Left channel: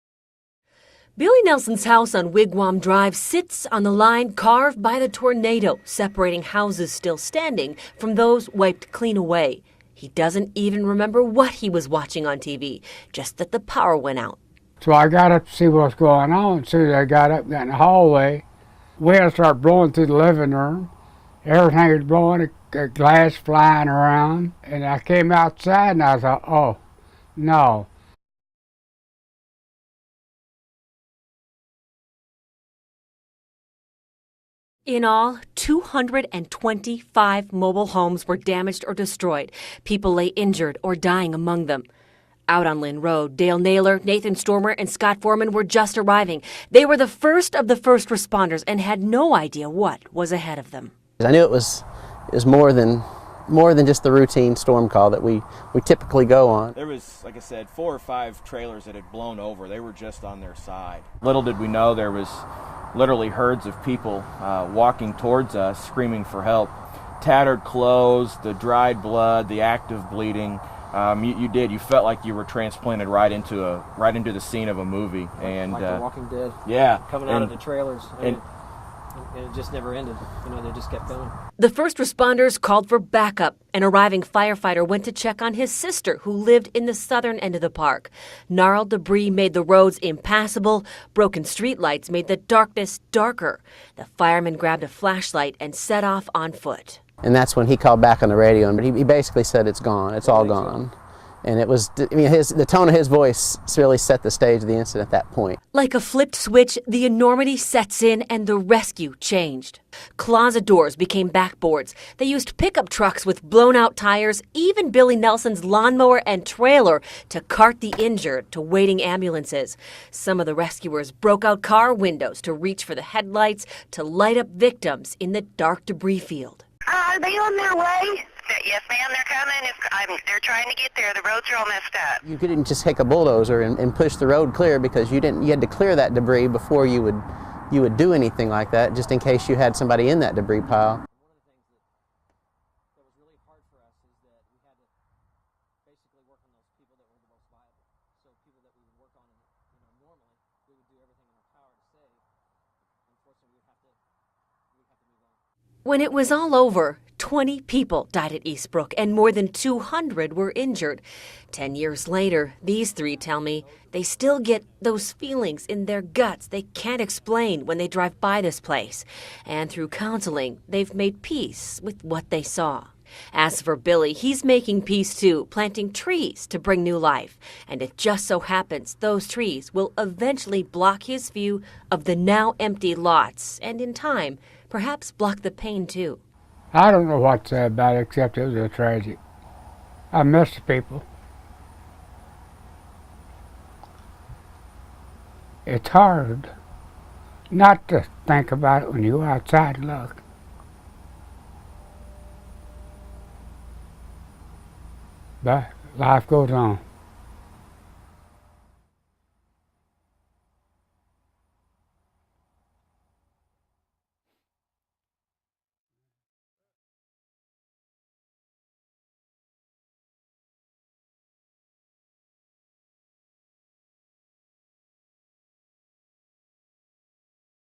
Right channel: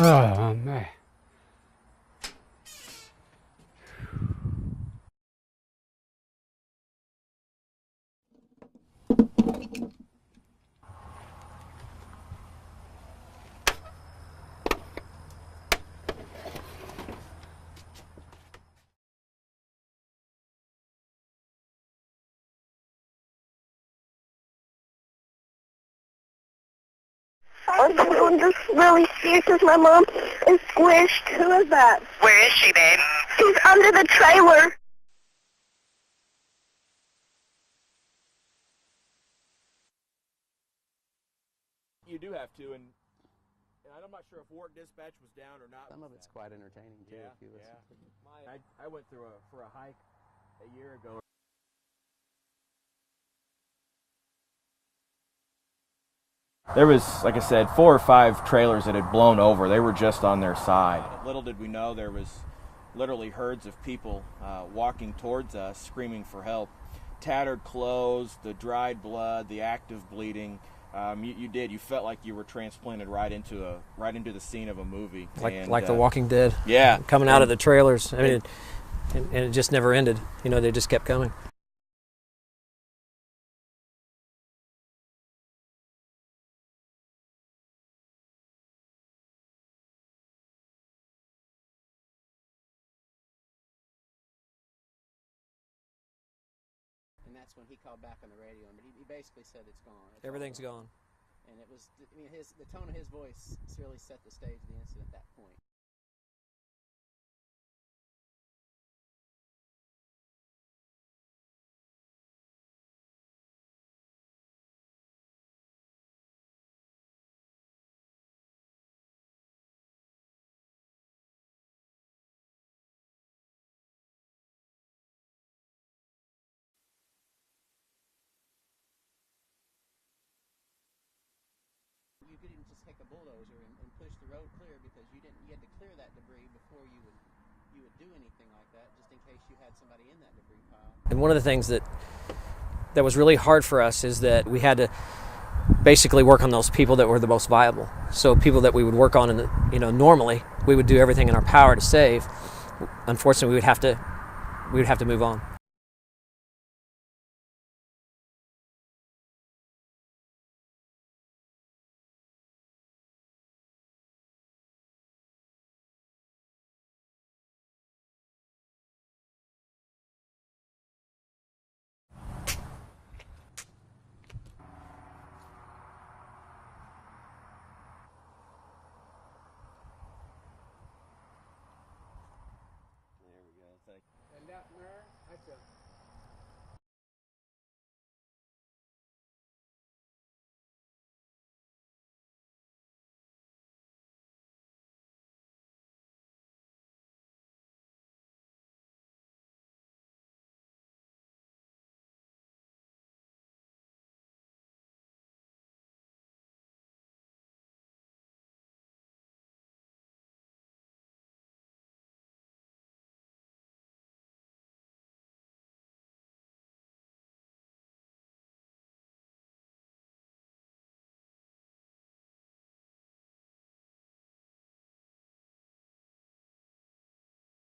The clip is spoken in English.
Oh, man. Billy Nelson's house on Wigwam Drive sits on the line carved by the tornado, separating houses still standing from those wiped clean away. He doesn't even remember what he was watching on TV, just that the power went out. So I got up to see what's going on. As soon as I got up in the hallway, wind started blowing through the living room. Everything was blowing, glass flying around. And I came outside and I thought, oh, no. I'm just really scared because my mom is squished. Who is that? Where is she, babe? She's under the trailer. In all, 225 mobile homes were damaged or destroyed. People lay injured or dying among them. Out on Lynn Road, Dale Naylor, Nathan Stormer, and Scott Foreman were just arriving. They were the first of the first responders and had no idea what was ahead of them. I knew it was more than just the routine storm call that we typically go on. There was, like I said, 4 or 5 trailers that had blown over. They were just on their side. Little did we know there was literally herds of people walking towards us, screaming for help. Tattered clothes, the dried blood, the active bleeding. You felt like you were transplanted right into the scene of a movie. Like The Walking Dead. Yeah. Coming out of the trailers. I mean, and it just never ended. You know, they just kept coming. The first responders called for backup. An arriving firefighter went to check on his sister, who lived in the southern end of the park. Gnarled debris made the roads impassable. Broken streetlights made the darkness darker. The fireman grabbed a flashlight and set off on foot. And that's when he called back on the radio, and he basically said it's gone, it's all gone. And it was, I mean, the tone of his voice really set the stage of the incident at that point. Like a flipped switch, the enormity sets in and the rescue changed. Closet doors became backboards. They used pickup trucks with blown-out tires, even Billy Nelson's lawnmower and trailer to cart the injured to waiting ambulances. Some of the rescuers broke out car windows to reach for the headlights to light up victims in the dark debris field. Are they on their way? Yes, ma'am, they're coming. They're trying to get there. The roads are all messed up. You couldn't just take a bulldozer and push the road clear because you had to clear that debris before you would do anything like that, just in case you had somebody in that debris pile. And one of the things that was really hard for us is that we had to basically work on those people that were the most viable. So people that we would work on, normally we would do everything in our power to save. Unfortunately, we would have to move on. When it was all over, 20 people died at Eastbrook and more than 200 were injured. 10 years later, these 3 tell me they still get those feelings in their guts they can't explain when they drive by this place. And through counseling, they've made peace with what they saw. As for Billy, he's making peace too, planting trees to bring new life. And it just so happens those trees will eventually block his view of the now empty lots, and in time, perhaps block the pain too. I don't know what to say about it except it was a tragedy. I miss the people. It's hard not to think about it when you go outside and look. But life goes on.